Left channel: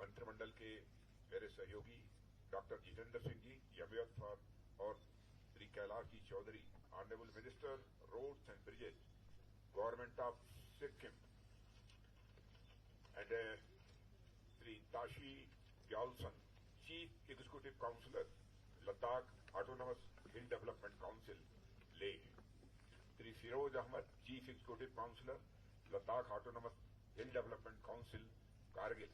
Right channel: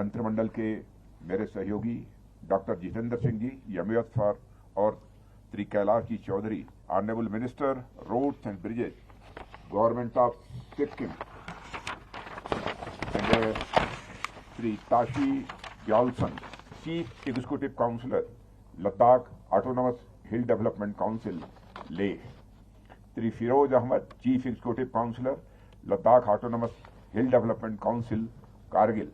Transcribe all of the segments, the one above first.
मंत्रिमंडल के मेरे सहयोगी डॉक्टर जितेंद्र सिंह जी, यमियत फॉर, और Shri Kailash ji Choudhary, honourable minister roads and bridges, government of Sikkim, and Shri Tashi Gyalson, chief executive councillor, Ladakh autonomous hill development council, Leh, Shri Firoz Ahmed, chief executive councillor, Ladakh autonomous hill development council, Kargil,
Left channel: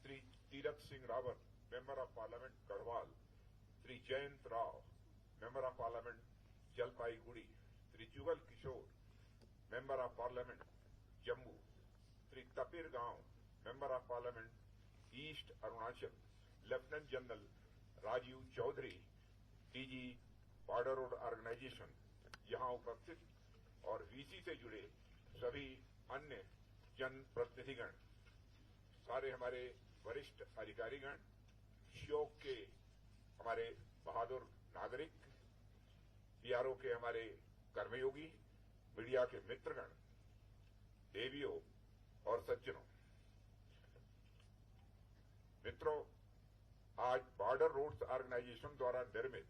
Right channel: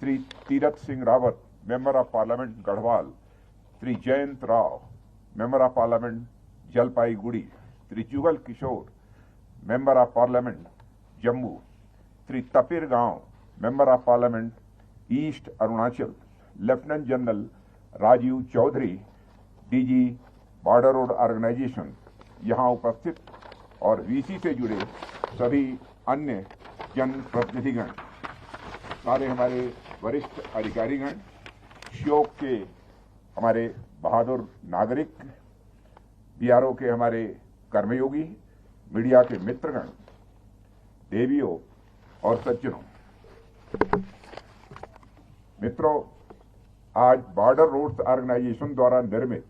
Shri Tirath Singh Rawat, member of parliament Garhwal, Shri Jayant Rao, member of parliament Jalpaiguri, Shri Jugal Kishore, member of parliament Jammu, Shri Tapir Gao, member of parliament East Arunachal, lieutenant general Rajiv Chaudhary, DG border road organisation यहां उपस्थित, और VC से जुड़े सभी अन्य जनप्रतिनिधिगण, सारे हमारे वरिष्ठ अधिकारीगण, श्योक के हमारे बहादुर नागरिक, बीआरओ के हमारे कर्मयोगी, मीडिया के मित्रगण, देवियों और सज्जनों, मित्रों, आज बॉर्डर रोड्स ऑर्गेनाइजेशन द्वारा निर्मित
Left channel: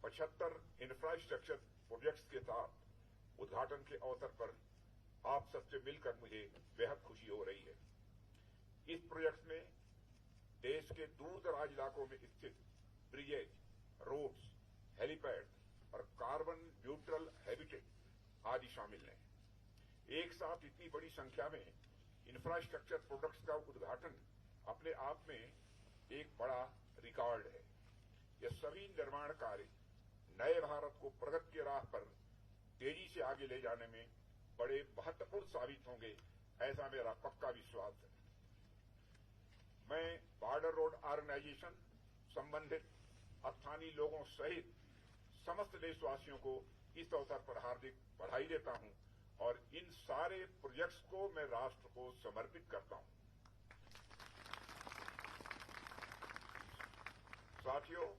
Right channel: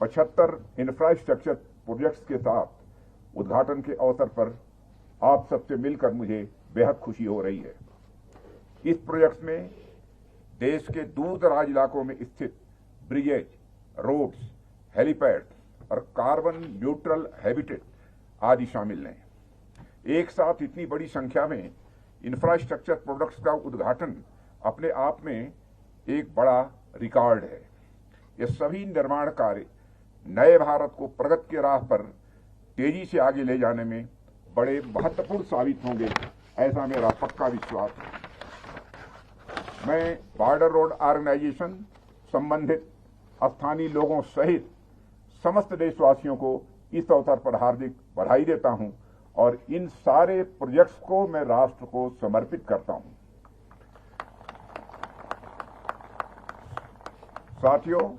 75 इंफ्रास्ट्रक्चर प्रोजेक्ट्स के साथ उद्घाटन के अवसर पर आप सबसे मिलकर मुझे बेहद खुशी हो रही है। इस प्रोजेक्ट में देश के दूर दराज इलाकों में स्थित ब्रिजेज, रोड्स, हेलीपैड और कार्बन न्यूट्रल हैबिटेट आदि शामिल हैं। एक साथ इतनी बड़ी संख्या में इंफ्रास्ट्रक्चर प्रोजेक्ट्स का उद्घाटन अपने आप में एक बड़ा रिकॉर्ड है। ये सभी निर्माण कार्य नए भारत को प्रगति के राह पर तेजी से आगे ले जाने में बड़े महत्वपूर्ण साबित होंगे, ऐसा मेरा पक्का विश्वास है। मैं बॉर्डर रोड ऑर्गेनाइजेशन, संबंधित स्थानीय लोगों सहित समस्त देशवासियों को इस अवसर पर हार्दिक बधाई देता हूं और इन सारे प्रोजेक्ट्स को मैं राष्ट्र को समर्पित करता हूं। साथियों,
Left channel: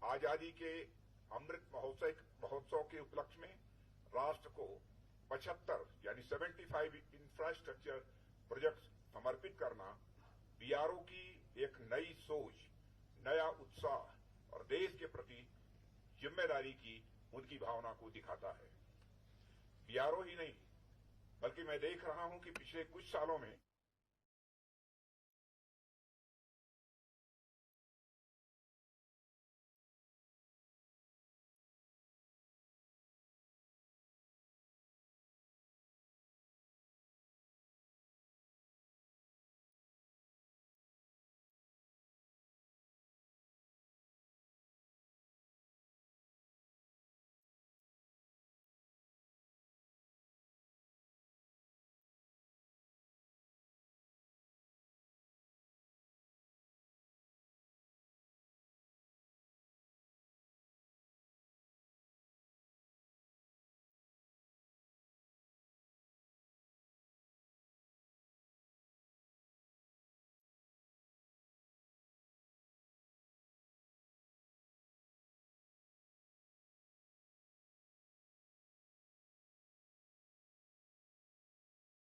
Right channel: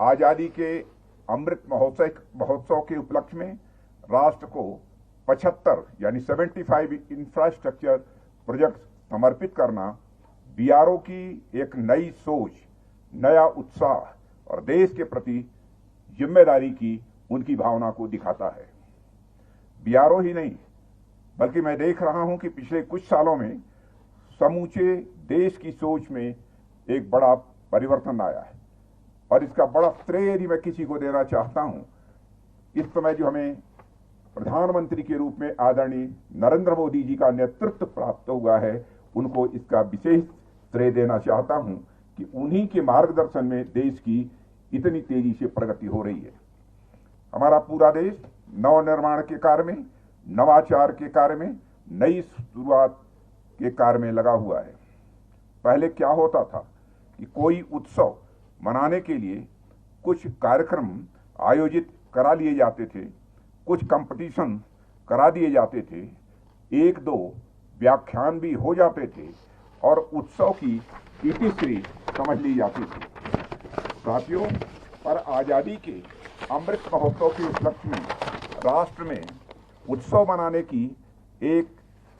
आजादी के अमृत महोत्सव के उपलक्ष्य में राष्ट्र को 75 यानी 75 इंफ्रास्ट्रक्चर प्रोजेक्ट समर्पित करना बीआरओ की एक नई सोच, नया उत्साह और देश के प्रति जिम्मेदारी की उनकी भावना को दिखाता है। बीआरओ ही नहीं, बल्कि मैं देख रहा हूं कि पिछले कुछ सालों में समूचे देश की सोच में एक बड़ा परिवर्तन आया है, और इसका बड़ा श्रेय यदि मैं किसी को देना चाहता हूं, इस समय जो हमें प्रधानमंत्री के रूप में आदरणीय नरेंद्र मोदी जी का नेतृत्व प्राप्त हुआ है, उनको इसका विशेष श्रेय देना चाहता हूं कि उन्हीं के मार्गदर्शन में देश की इतनी तेजी से प्रगति हो रही है। हमारा पूरा देश नवनिर्माण के कार्य में, नवाचार के कार्य में, नई शुरुआत के कार्य में लगा हुआ है। पहले क्या होता था कि कोई उत्सव मनाने के लिए कुछ कार्यक्रम आयोजित करा लिए जाते थे, कुछ कंपटीशन करा दिए जाते थे, एक दो व्याख्यान भी हो जाते थे और उत्सव की इतिश्री समझ ली जाती थी। साथियों, पर आजादी के अमृत महोत्सव के उपलक्ष्य में राष्ट्र में उत्सव मनाने की एक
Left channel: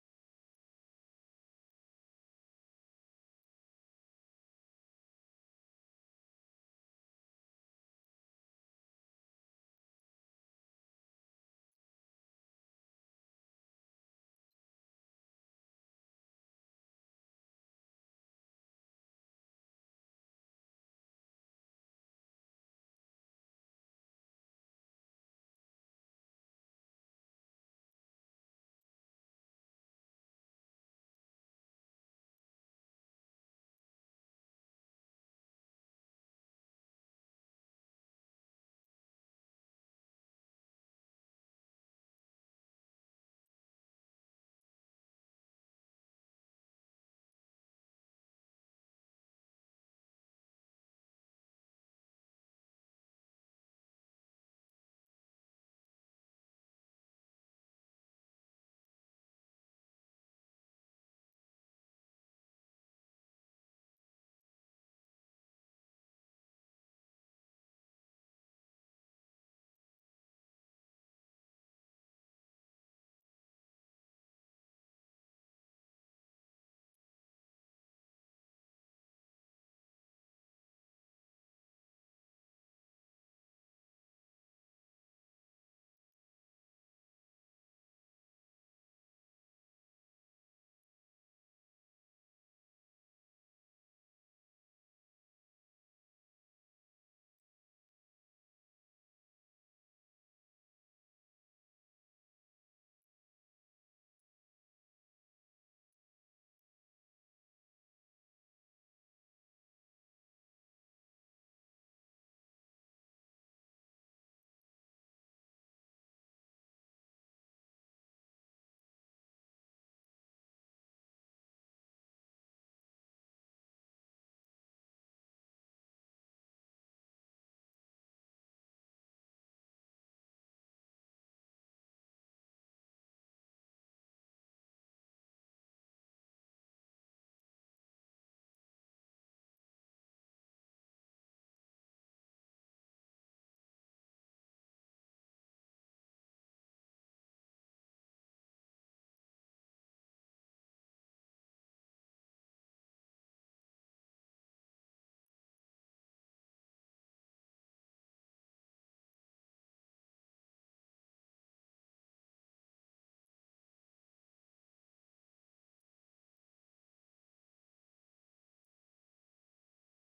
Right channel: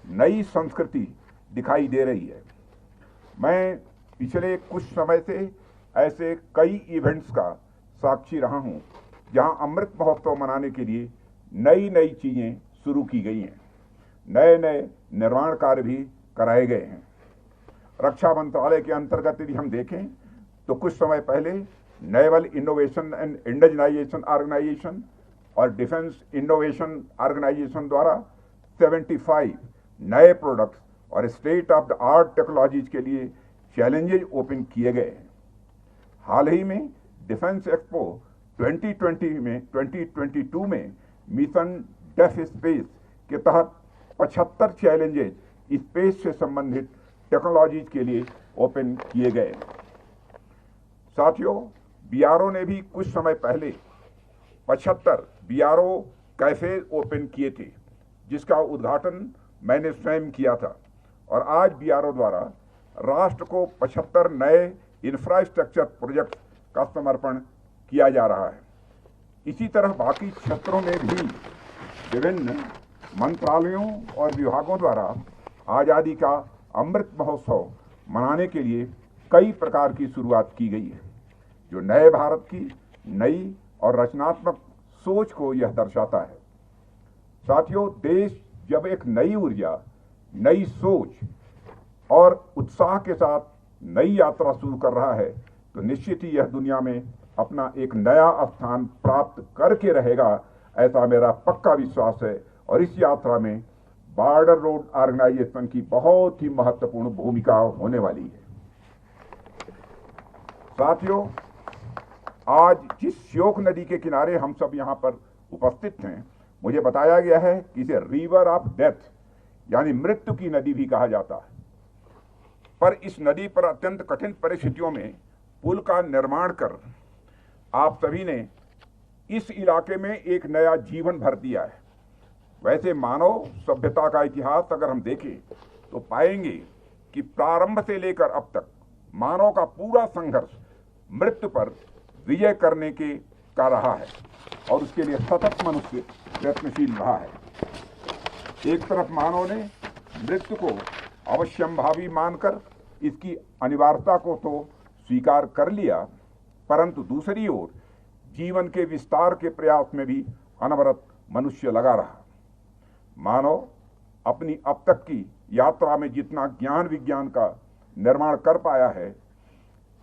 नई संस्कृति दिखाई दे रही है। मैं पिछले कुछ समय से ऐसे कई इवेंट्स का साक्षी रहा हूं जहां अमृत महोत्सव मनाने के लिए नई नई चीजें शुरू की गई हैं, नए नए निर्माण कार्य भी कराए गए हैं। रक्षा मंत्रालय के अंतर्गत यदि हम देखें तो कुछ समय पहले naval innovation and indigenisation organisation और डिफेंस इनोवेशन ऑर्गेनाइजेशन द्वारा 75 नए प्रोडक्ट्स और state of the art technologies के लिए चैलेंजेज ओपन किए गए हैं। हाल ही में डिफेंस एक्सपो 2022 में मिशन डेफ स्पेस के तहत 75 चैलेंजेज स्पेस से संबंधित टेक्नोलॉजीज के लिए ओपन किए गए। साथियों, बीआरओ ने भी कुछ समय पहले 75 बीआरओ कैफे ओपन किए थे, जिसका उद्घाटन मैंने स्वयं किया था, और आज बीआरओ द्वारा राष्ट्र को 75 नए इंफ्रास्ट्रक्चर प्रोजेक्ट का समर्पण किया जा रहा है। इसी तरह बाकी क्षेत्रों में भी विभिन्न मंत्रालयों और विभागों द्वारा आजादी का अमृत महोत्सव मनाने के लिए कई प्रकार की शुरुआत की गई है, जो नए भारत की नई और रचनात्मक सोच को यह दर्शाता है। साथियों, देश जब एक नई ऊर्जा, नई सोच और उत्साह के साथ नई यात्रा शुरू कर रहा है, तो निश्चित ही यह दुनिया में अपना एक नया स्थान प्राप्त करके रहेगा, ऐसा मेरा पक्का विश्वास है। और इस यात्रा में बॉर्डर रोड ऑर्गेनाइजेशन की बहुत ही महत्वपूर्ण भूमिका होने वाली है। साथियों, आज जिस श्योक नदी के किनारे हम सब यहाँ पर उपस्थित हैं, मुझे बताया गया है कि इसे रिवर ऑफ डेथ यानी मृत्यु की नदी भी कहा जाता है। पर इस नदी पर अत्यंत कठिन परिस्थितियों में पुल का निर्माण कर आप सभी ने इस इलाके में एक नया जीवन भर दिया है। वैसे मानव सभ्यता का इतिहास अगर हम देखें तो पाएंगे कि प्रारंभ से लेकर अब तक मानव का पूरा संघर्ष मृत्यु पर विजय करने का रहा है और उसके लिए सतत मनुष्य प्रयत्नशील रहा है। एक तरफ मानव ने मृत्यु को अवश्यंभावी मानकर इसकी अनिवार्यता को तो स्वीकार कर लिया, परंतु दूसरी ओर जीवन के विस्तार के प्रयास में भी अनवरत मनुष्य लगा रहा। मानव अपनी अब तक की यात्रा में जितना ज्ञान विज्ञान का निर्माण कर पाया है,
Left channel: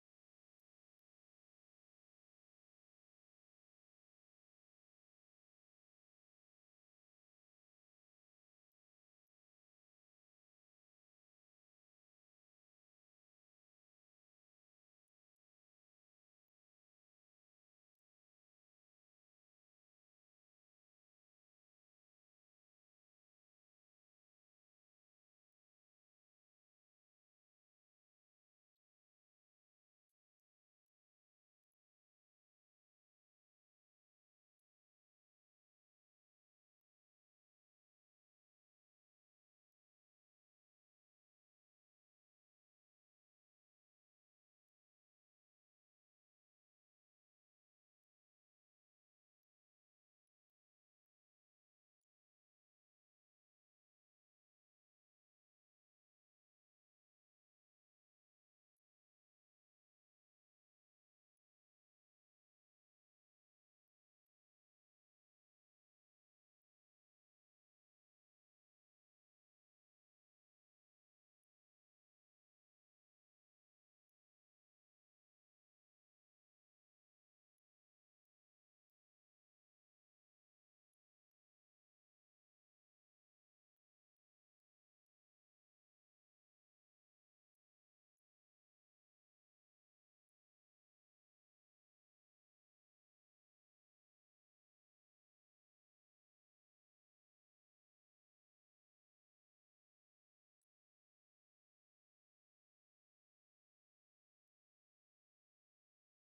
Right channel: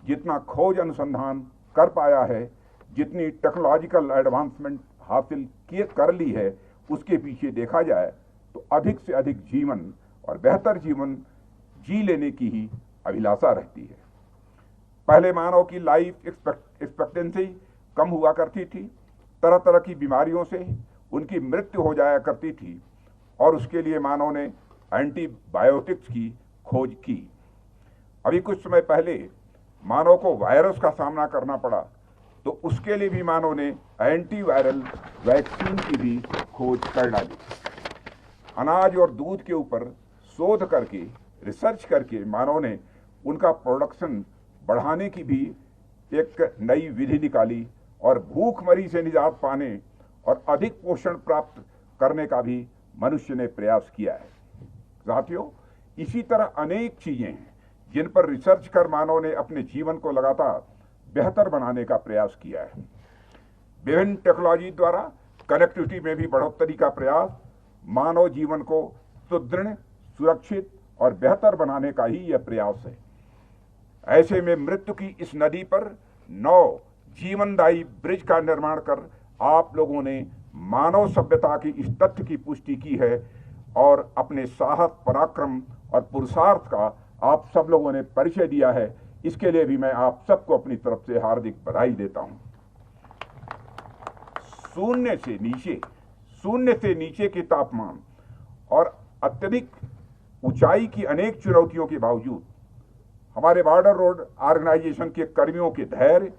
जितना खोज अनुसंधान कर पाया है, जितनी टेक्नोलॉजिकल एडवांसमेंट हासिल कर ली है, उसके पीछे देखा जाए तो अधिक से अधिक जीवन और बेहतर जीवन जी लेने की ही अभिलाषा रहती है। पहले मानव की लाइफ एक्सपेक्टेंसी कम हुआ करती थी, तरह तरह की बीमारियों से उनकी मृत्यु हो जाया करती थी और उसके लिए मानव ने एंटीबायोटिक्स की खोज की। अभी कुछ समय पहले मानव को वायरस का सामना करना पड़ा, तो उसके लिए भी मानव ने एंटीवायरल वैक्सीन की भी खोज कर डाली। अनाज और दूध के ऊपर शोध करके, रिसर्च करके मानव ने उनका प्रोडक्शन बढ़ाने की भी एक नई विधि निकाली और भूखमरी से निजात पाने और अधिक पोषण प्राप्त करने का भी मनुष्य ने प्रयास किया है। साथियों, इसी तरह अनेक चीजें हैं जिन पर रिसर्च कर मानव ने अपने जीवन को लगातार बेहतर बनाने का प्रयास किया है। विभिन्न टेक्नोलॉजी द्वारा कनेक्टिविटी में भी बढ़ोतरी का प्रयास मानव जीवन को सुदृढ़, सुरक्षित और बेहतर बनाने का ही यह प्रयास है। ऐसे में मृत्यु की इस नदी पर 9 जीवनदायी ब्रिज का निर्माण कर आप लोगों ने मानव सभ्यता की इस तथ्य की पुष्टि की है और अपने साहस, पराक्रम और पुरुषार्थ का आप सब लोगों ने परिचय दिया है। इसके लिए भी मैं आप सबको अपनी तरफ से हार्दिक बधाई देता हूं। शून्य से नीचे के तापमान और अत्यधिक ऊंचाई की अनेक चुनौतियों के बावजूद हमारे बॉर्डर रोड ऑर्गेनाइजेशन के कर्मियों के धैर्य,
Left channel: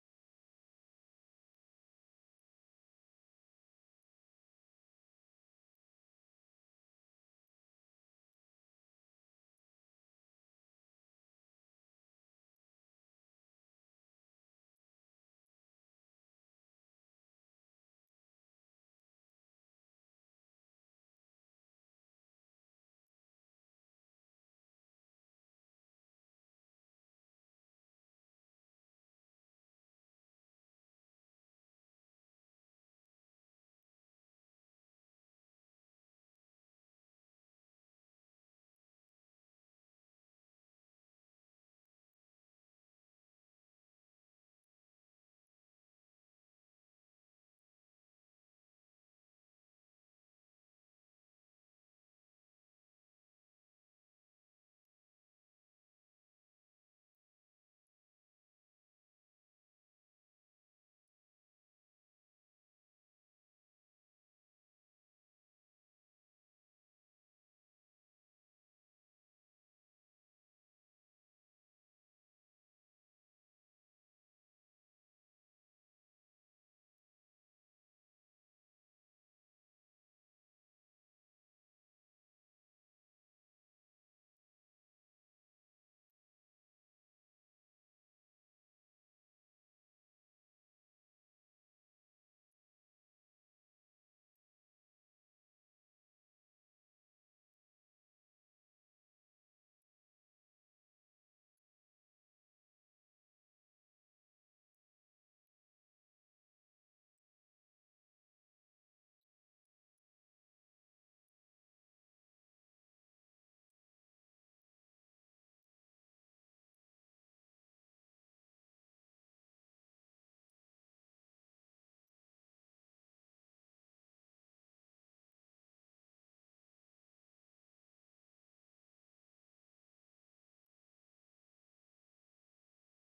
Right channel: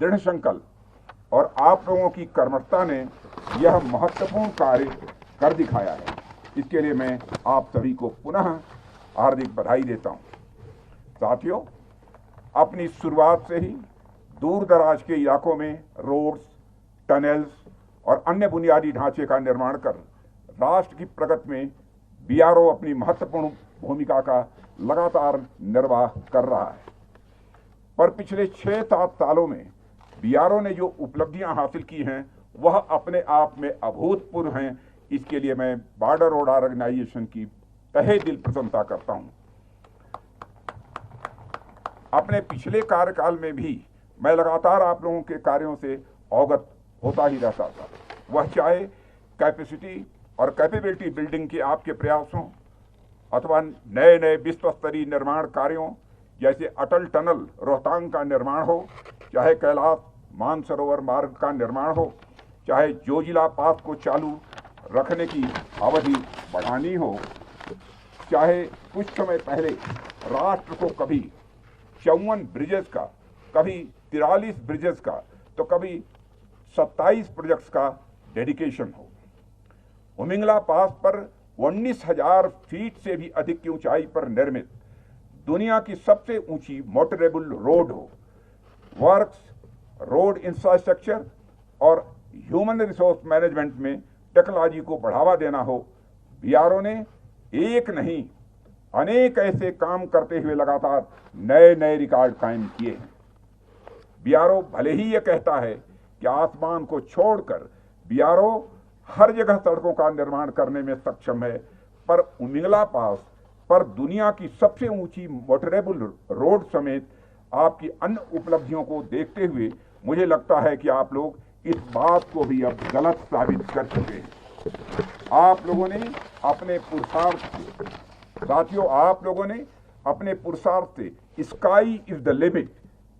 दृढ़ संकल्प और आप लोगों की कर्मठता ने यह महत्वपूर्ण कार्य कर दिखाया है। इसके लिए मैं आप सभी को पुनः हार्दिक बधाई देता हूं। साथियों, अपनी शुरुआत से ही दूर दराज के इलाकों में रोड्स, टनल्स और अन्य बुनियादी ढांचे का निर्माण कर राष्ट्र की प्रगति में बीआरओ अपनी महत्वपूर्ण भूमिका का लगातार निर्वाह कर रहा है। पर पिछले 6-7 सालों में बीआरओ ने जो उपलब्धियां हासिल की हैं वह अपने आप में अभूतपूर्व हैं। इसके लिए मैं बॉर्डर रोड ऑर्गेनाइजेशन की तहे दिल प्रशंसा करता हूं। अपने पिछले कार्यकाल में भी मैं लगातार आप लोगों के कार्यों से अवगत होता ही रहता था, वह चाहे कैपेसिटी और कैपेबिलिटी बिल्डिंग के आपके प्रयासों अथवा नए नए विश्व स्तरीय निर्माण कार्यों जैसे अटल टनल रोहतांग का निर्माण हो, चाहे कैलाश मानसरोवर मार्ग का निर्माण हो, चाहे जोजिला पास को चालू रखने की अवधि बढ़ानी हो, चाहे कुछ समय पहले राष्ट्र को कभी 54 ब्रिजेस का, कभी 43 ब्रिजेस का, तो कभी 27 प्रोजेक्ट्स का डेडिकेशन हो। उमिंगला पास पर 19,000 फीट से भी अधिक की ऊंचाई पर निर्मित दुनिया की सबसे ऊंची मोटरेबल रोड हो। वर्क्स, रोड इंफ्रास्ट्रक्चर और ह्यूमन रिसोर्स मैनेजमेंट में टेक्नोलॉजी को बढ़ावा देना हो। बीआरओ ने एक नहीं अनेक ऐसे काम करते हुए लगातार नए नए रिकॉर्ड कायम किए हैं। बीआरओ भले ही यह कहता है कि आसमान को छोड़कर बीआरओ हर जगह सड़कों का निर्माण करने में सक्षम है, पर उमिंगला पास पर दुनिया की सबसे ऊंची मोटरेबल रोड समेत आपकी अन्य उपलब्धियों को देखते हुए मुझे लगता है कि आप लोग इस बात को भी अब गलत साबित कर चुके हैं। आप लोगों ने अपने पुरुषार्थ साथियों, आप लोगों ने अपने पुरुषार्थ से स्काई इज द लिमिट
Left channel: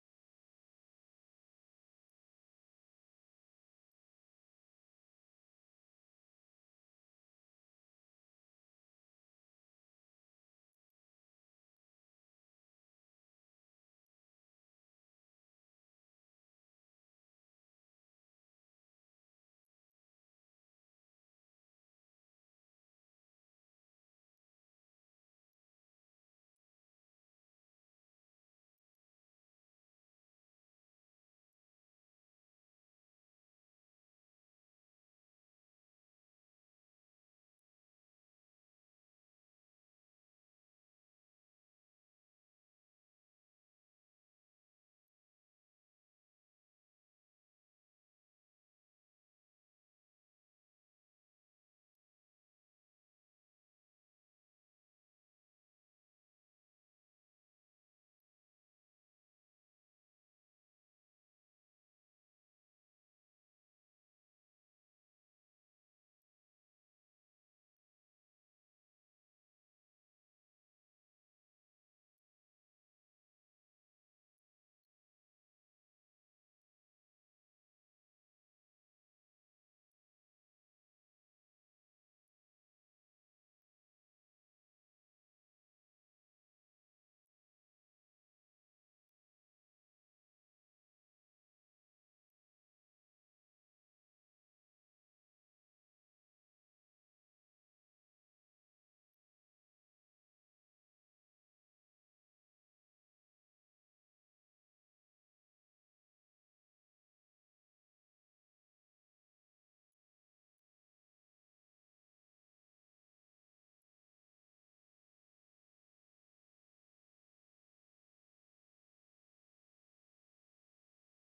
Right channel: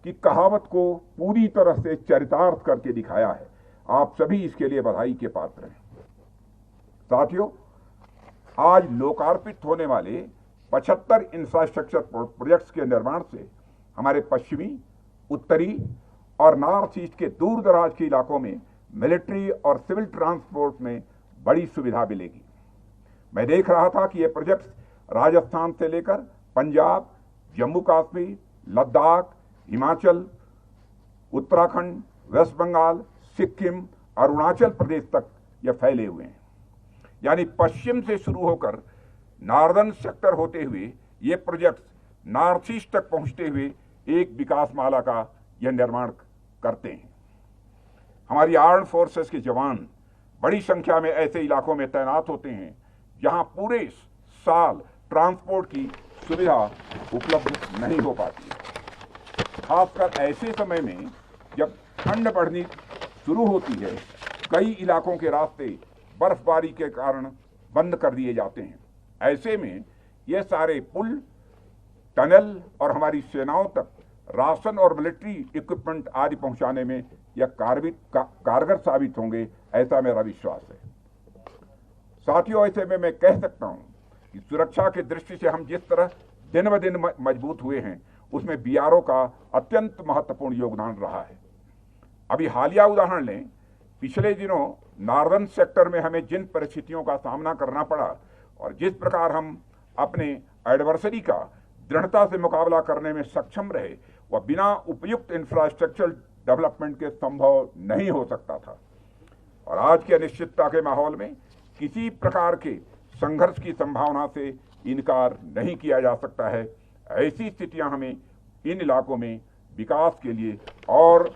की कहावत को पूरी तरह से चरितार्थ करके दिखाया है। आप सभी इसके लिए बधाई के पात्र हैं। साथियों, आज लोकार्पित होने वाले 75 इंफ्रास्ट्रक्चर प्रोजेक्ट्स के निर्माण से हमारे पश्चिमी, उत्तरी और नॉर्थ ईस्ट के दूर दराज के इलाकों में मिलिट्री और सिविल ट्रांसपोर्ट में बड़ी सुविधा मिलेगी। मैं देख रहा था कि ये प्रोजेक्ट्स राजस्थान से लेकर पंजाब, जम्मू कश्मीर, लद्दाख, हिमाचल, उत्तराखंड, वेस्ट बंगाल, सिक्किम, अरुणाचल प्रदेश तक ये फैले हुए हैं। यानी पश्चिम से शुरू होकर नॉर्दर्न सेक्टर होते हुए ये प्रोजेक्ट्स नॉर्थ ईस्ट तक पहुंचते हुए एक विकास माला का यह निर्माण करते हैं। हमारी आर्म्ड फोर्सेस के जवान बड़ी संख्या में ऐसे इलाकों में तैनात होते हैं जहां पूरे साल ट्रांसपोर्ट की सुविधा उपलब्ध नहीं हो पाती है। खासकर ऐसे समय में जब ठंड बढ़नी शुरू होती है, कई इलाकों के रास्ते बर्फबारी के कारण बंद कर दिए जाते हैं। ऐसे में ये सारे पुल, टनल और हमारी सेनाओं तक राशन और मिलिट्री इक्विपमेंट आदि पहुंचाने में यह कारगर साबित होंगे, ऐसा मेरा विश्वास है। साथियों, ऐसे में मैं कह सकता हूं कि सुरक्षा की दृष्टि से हम जिस तरह दिन ब दिन मजबूत हुए हैं, उसमें बीआरओ का अत्यंत महत्वपूर्ण योगदान रहा है। अभी हालिया उदाहरण लें, पिछले दिनों नॉर्दर्न सेक्टर में हमें जिन परिस्थितियों का सामना करना पड़ा और जिस प्रकार हम अपने एडवर्सरी का दृढ़ता से मुकाबला करने में सक्षम रहे, वह बिना उपयुक्त इंफ्रास्ट्रक्चर डेवलपमेंट के संभव नहीं हो सकता था। और आज के अनिश्चितता के माहौल में किसी प्रकार के संघर्ष की संभावना से इनकार नहीं किया जा सकता है। ऐसी स्थितियां हमें इन इलाकों में विकास के लिए और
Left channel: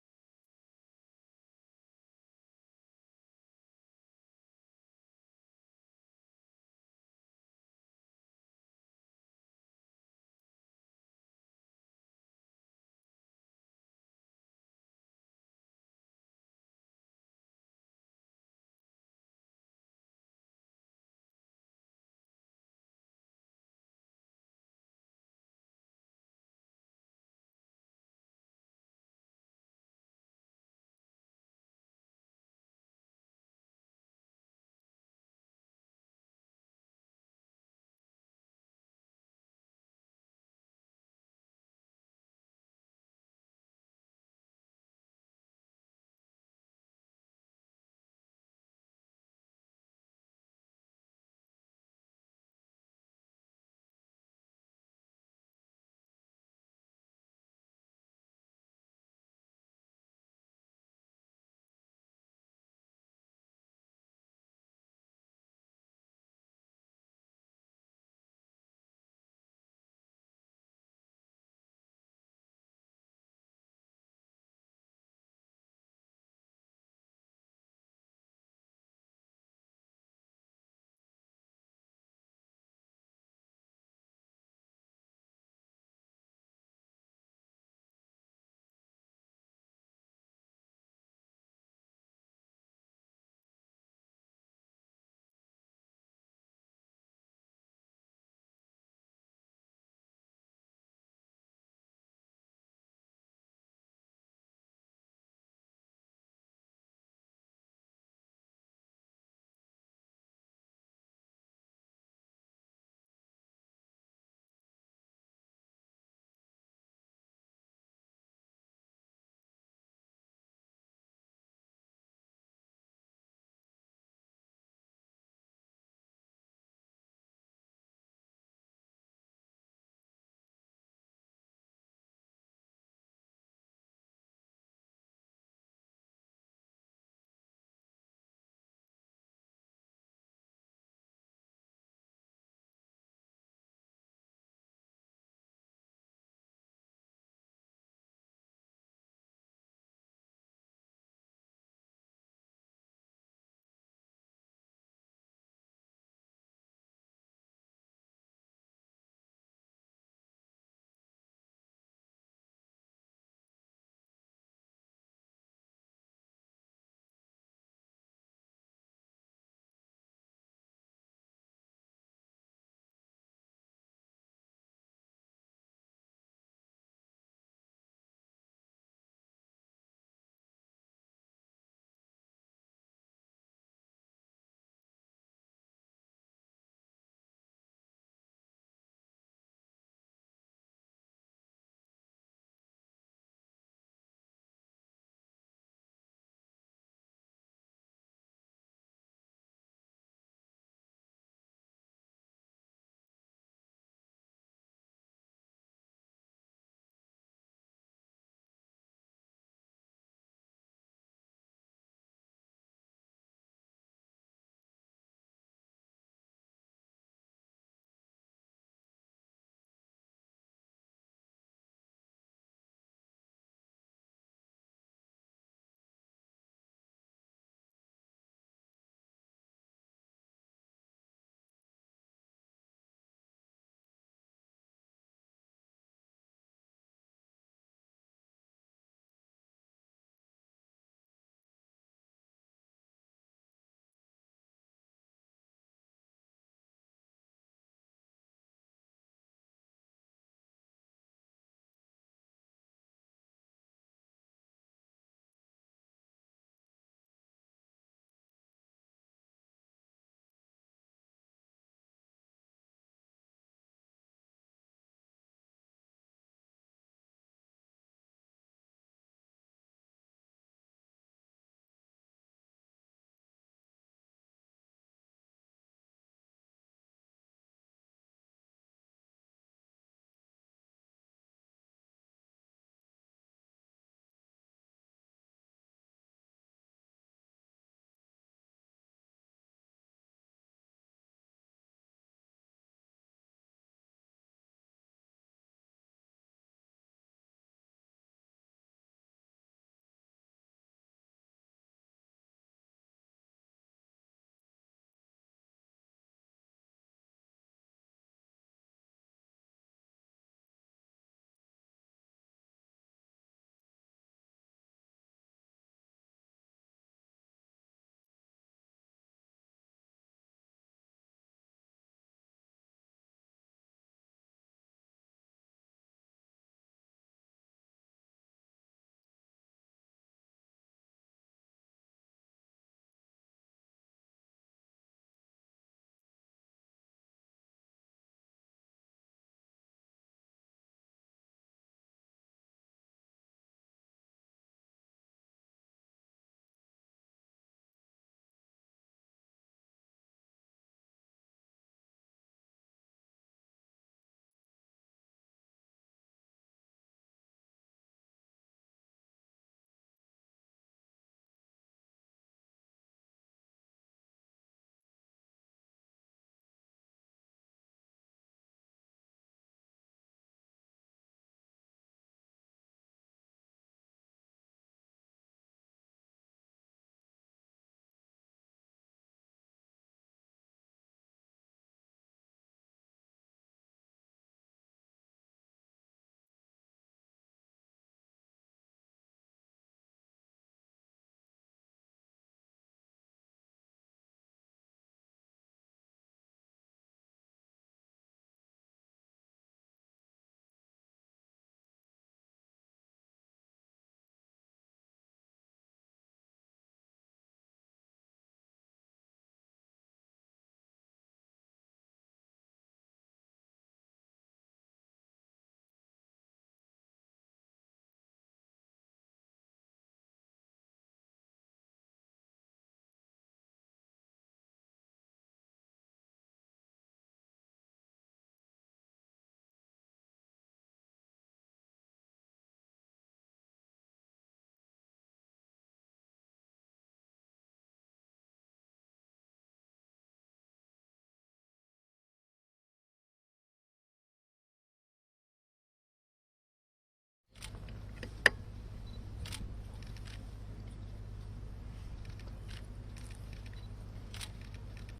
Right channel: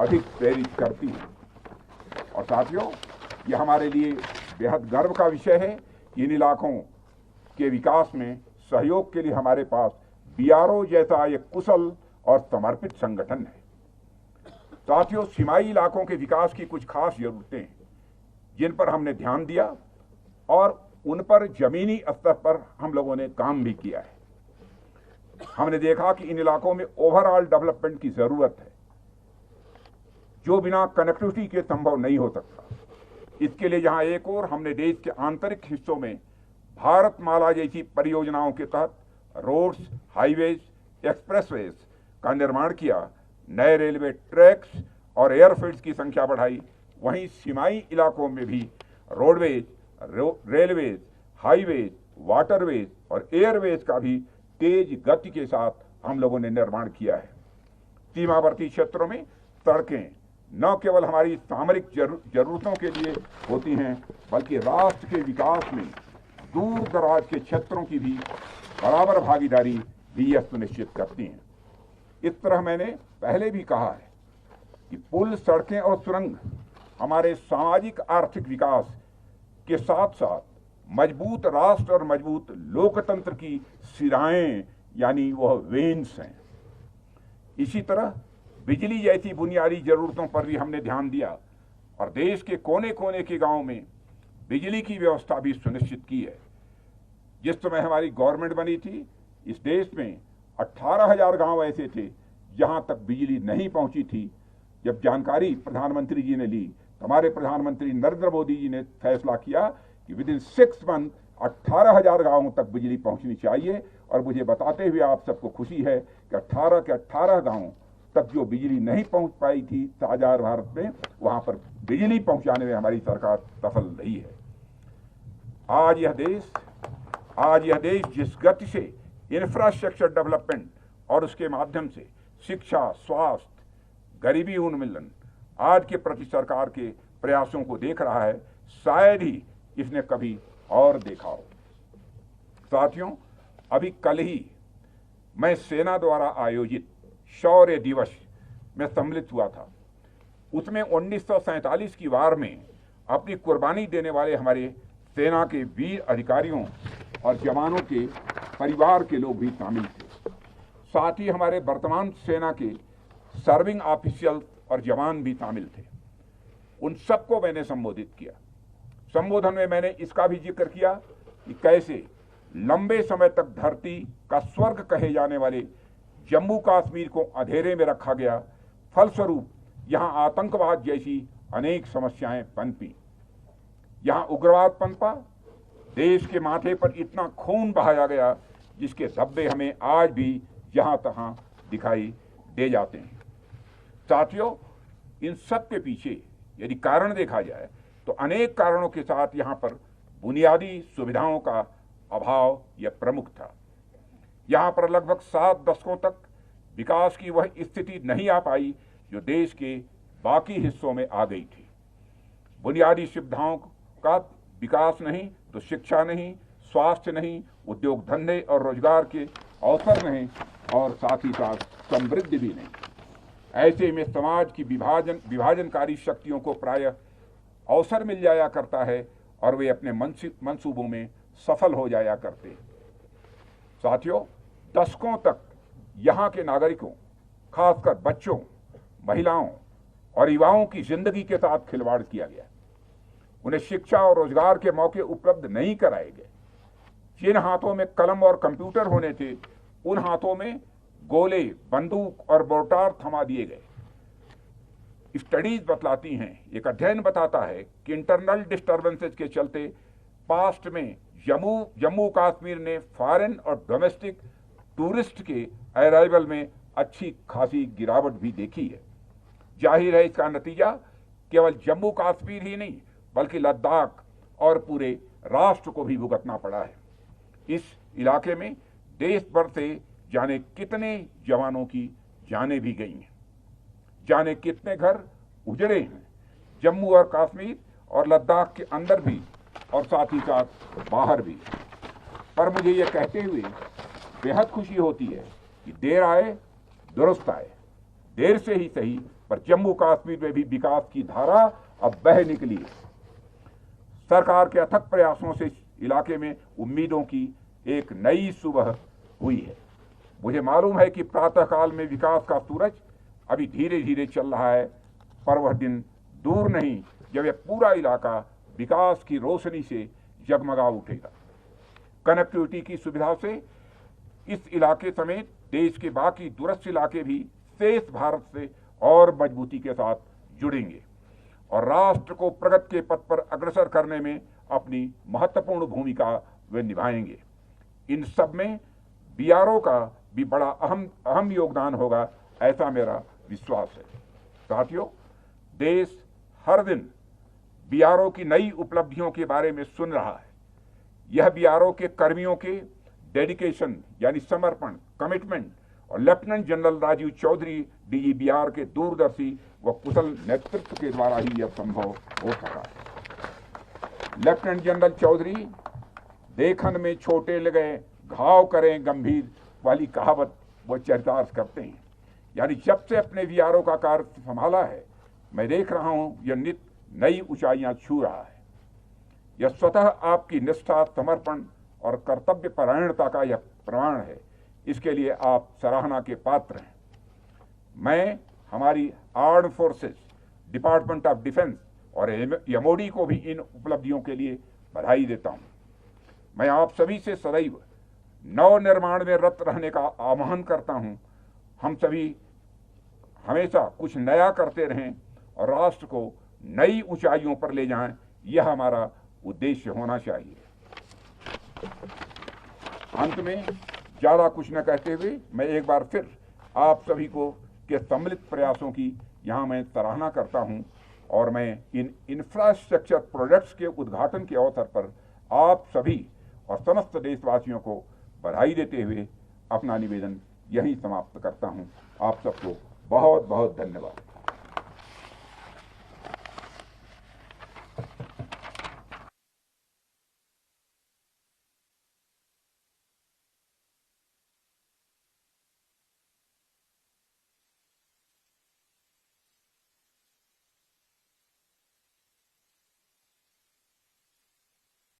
अधिक प्रेरित करती हैं। और साथियों, यह हमारे लिए बेहद गर्व का विषय है कि इन इलाकों के विकास में सहयोग के लिए हमारे पास बीआरओ जैसा एक कुशल और समर्पित संगठन है। साथियों, सीमाई इलाकों के विकास की कुछ खास जरूरतें हैं जिन पर हमने ध्यान दिया और उन पर जमीनी स्तर पर हम लोगों ने काम भी किया है। हमने देखा कि इन इलाकों में ओवरऑल डेवलपमेंट की जरूरत है, जो बिना कनेक्टिविटी के संभव नहीं हो सकता। इसके लिए जहां एक और हमने देश के आंतरिक हिस्सों में भारतमाला जैसी परियोजनाओं के तहत रोड्स, हाईवेज, एक्सप्रेसवेज का निर्माण किया, नए रेलवे ट्रैक्स और एयरफील्ड्स की संख्या बढ़ाई, वहीं सीमाई इलाकों में भी रोडवेज, रेलवेज, हाईवेज, वाटरवेज और एयरवेज का भी तेज गति के साथ हम लोगों ने निर्माण किया है। सीमावर्ती क्षेत्रों में सड़कें न केवल हमारी सामरिक जरूरतों के लिए होती हैं, बल्कि राष्ट्र के विकास में दूर दराज के क्षेत्रों की भी बराबर भागीदारी भी यह सुनिश्चित करती हैं। इस तरह मैंने पहले भी कहा है कि पुल, सड़कें और सुरंग हमारे सामाजिक आर्थिक विकास के साथ साथ मजबूत राष्ट्र और मजबूत लोकतंत्र की सिराएं यानी वह वेन्स हैं। इसी तरह बिजली जैसी बुनियादी जरूरतों पर भी हमने ध्यान दिया और देश के कोने कोने के गांव में बिजली की व्यवस्था भी सुनिश्चित की है। जिस समय हमारी गवर्नमेंट बनी थी, इस देश में 18,000 गांव ऐसे थे जहां तक बिजली नहीं पहुंची थी। जब जानकारी प्रधानमंत्री जी ने ली, हमारे प्रधानमंत्री नरेंद्र मोदी जी ने फैसला किया कि विद इन 6 मंथ 18,000 गांवों तक बिजली पहुंचनी चाहिए। और मुझे बताते हुए आप सबको खुशी है कि 18 के 18 गांवों तक जो बिजली नहीं पहुंच पाई थी आजाद भारत में, वहां पर बिजली पहुंचाने में हमारी सरकार सफल रही है। आज यह देश जिस गति से इंफ्रास्ट्रक्चर डेवलपमेंट और उसके माध्यम से शिक्षा, स्वास्थ्य, गरीबी उन्मूलन आज के प्रति सरकार के प्रयासों को देख रहा है, शायद ही इसने कभी और देखा हो। साथियों, अभी कल ही मैं सेना द्वारा आयोजित शौर्य दिवस में सम्मिलित हुआ था। उसमें 1947 की वार में अपनी कुर्बानी देने वाले हमारे सेना के वीर अधिकारियों और जवानों के परिवार के लोग भी शामिल थे। साथ ही हमारे वर्तमान सेना के सर्विंग ऑफिशियल और जवान भी शामिल थे। उन सबको मैंने संबोधित किया। संबोधन में मैंने इसका भी जिक्र किया कि कैसे लंबे समय तक धरती का स्वर्ग कहे जाने वाले जम्मू कश्मीर को अंधेरे में रखा गया, फलस्वरूप यहां आतंकवाद जैसी अनेक समस्याएं पनपी, यहां उग्रवाद पनपा, देश के माथे पर इतना खून बहाया गया जिसके धब्बे हमें आज भी जहां तहां दिखाई दे जाते हैं। साथियों, इन सब के पीछे यदि कारण देखा जाए तो अनेक कारणों के साथ यहां पर बुनियादी सुविधाओं का अभाव यह प्रमुख था। यहां पर लगभग 7 दशकों तक विकास की वह स्थिति नहीं आ पाई जो देश के बाकी हिस्सों में आ गई थी। बुनियादी सुविधाओं का विकास नहीं तो शिक्षा नहीं, स्वास्थ्य नहीं, उद्योग धंधे और रोजगार के अवसर नहीं, और साथ ही साथ समृद्धि भी नहीं। ऐसे में समाज की विभाजनकारी शक्तियों को प्रायः अवसर मिल जाया करता है और वे अपने मंसूबों में सफल हो जाया करते हैं। साथियों, दशकों तक यहाँ के नागरिकों, खासकर बच्चों, महिलाओं और युवाओं की जिंदगी के साथ खिलवाड़ किया गया। उन्हें शिक्षा और रोजगार के मौके उपलब्ध नहीं कराए गए। जिन हाथों में कलम और कंप्यूटर होने थे, उन हाथों में गोले, बंदूक और मोर्टार थमा दिए गए। स्टडीज बतलाती हैं, एक अध्ययन बताता है कि इंटरनल डिस्टर्बेंसेस के चलते पास्ट में जम्मू कश्मीर ने फॉरेन और डोमेस्टिक टूरिस्ट के अराइवल में अच्छी खासी गिरावट भी देखी है। जाहिर है इसका नतीजा केवल जम्मू कश्मीर ही नहीं बल्कि लद्दाख और पूरे राष्ट्र को भी भुगतना पड़ा है। इस इलाके में देश भर से जाने कितने जवानों की जानें भी गई हैं, जाने कितने घर उजड़े हैं, जम्मू और कश्मीर और लद्दाख के अंदर भी और साथ ही साथ बाहर भी। पर मुझे ये कहते हुए बेहद खुशी होती है कि देर आए दुरुस्त आए, देर से ही सही पर जम्मू कश्मीर में भी विकास की धारा अब बह निकली है। सरकार के अथक प्रयासों से इलाके में उम्मीदों की एक नई सुबह हुई है। मुझे मालूम है कि प्रातःकाल में विकास का सूरज अभी धीरे धीरे चल रहा है, पर वह दिन दूर नहीं जब यह पूरा इलाका विकास की रोशनी से जगमगा उठेगा। कनेक्टिविटी की सुविधा से इस इलाके समेत देश के बाकी दूरस्थ इलाके भी शेष भारत से और मजबूती के साथ जुड़ेंगे और राष्ट्र को प्रगति के पथ पर अग्रसर करने में अपनी महत्वपूर्ण भूमिका वे निभाएंगे। इन सब में बीआरओ का भी बड़ा अहम योगदान होगा, ऐसा मेरा विश्वास है। साथियों, देश हर दिन बीआरओ की नई उपलब्धियों के बारे में सुन रहा है। यह बीआरओ के कर्मियों के डेडिकेशन यानी समर्पण, कमिटमेंट और lieutenant general Rajiv Chaudhary DG BR के दूरदर्शी व कुशल नेतृत्व के द्वारा ही यह संभव हो सका है। लेफ्टिनेंट जनरल चौधरी देखन में छोटे लगे घाव करें गंभीर वाली कहावत वो चरितार्थ करते हैं। यानी जब से अपने बीआरओ का कार्य संभाला है, मैं देख रहा हूं यह नित नई ऊंचाइयां छू रहा है। यह स्वतः आपकी निष्ठा, समर्पण और कर्तव्य परायणता का यह प्रमाण है। इसके लिए आप सराहना के पात्र हैं। मैं हमारी armed forces, department of defence और एमओडी को भी इन उपलब्धियों के लिए बधाई देता हूं। मैं आप सभी से सदैव नव निर्माण में रत रहने का आह्वान करता हूं। हम सभी हमेशा कुछ नया करते रहें और राष्ट्र को नई ऊंचाइयों पर ले जाएं, यह हमारा उद्देश्य होना चाहिए। अंत में ज्यादा कुछ न कहते हुए मैं एक बार फिर आप सभी को के सम्मिलित प्रयासों की यहाँ मैं सराहना करता हूँ और मैं इन इंफ्रास्ट्रक्चर प्रोजेक्ट्स के उद्घाटन के अवसर पर आप सभी और समस्त देशवासियों को बधाई देते हुए अपना निवेदन यहीं समाप्त करता हूँ। आप सबको बहुत बहुत धन्यवाद।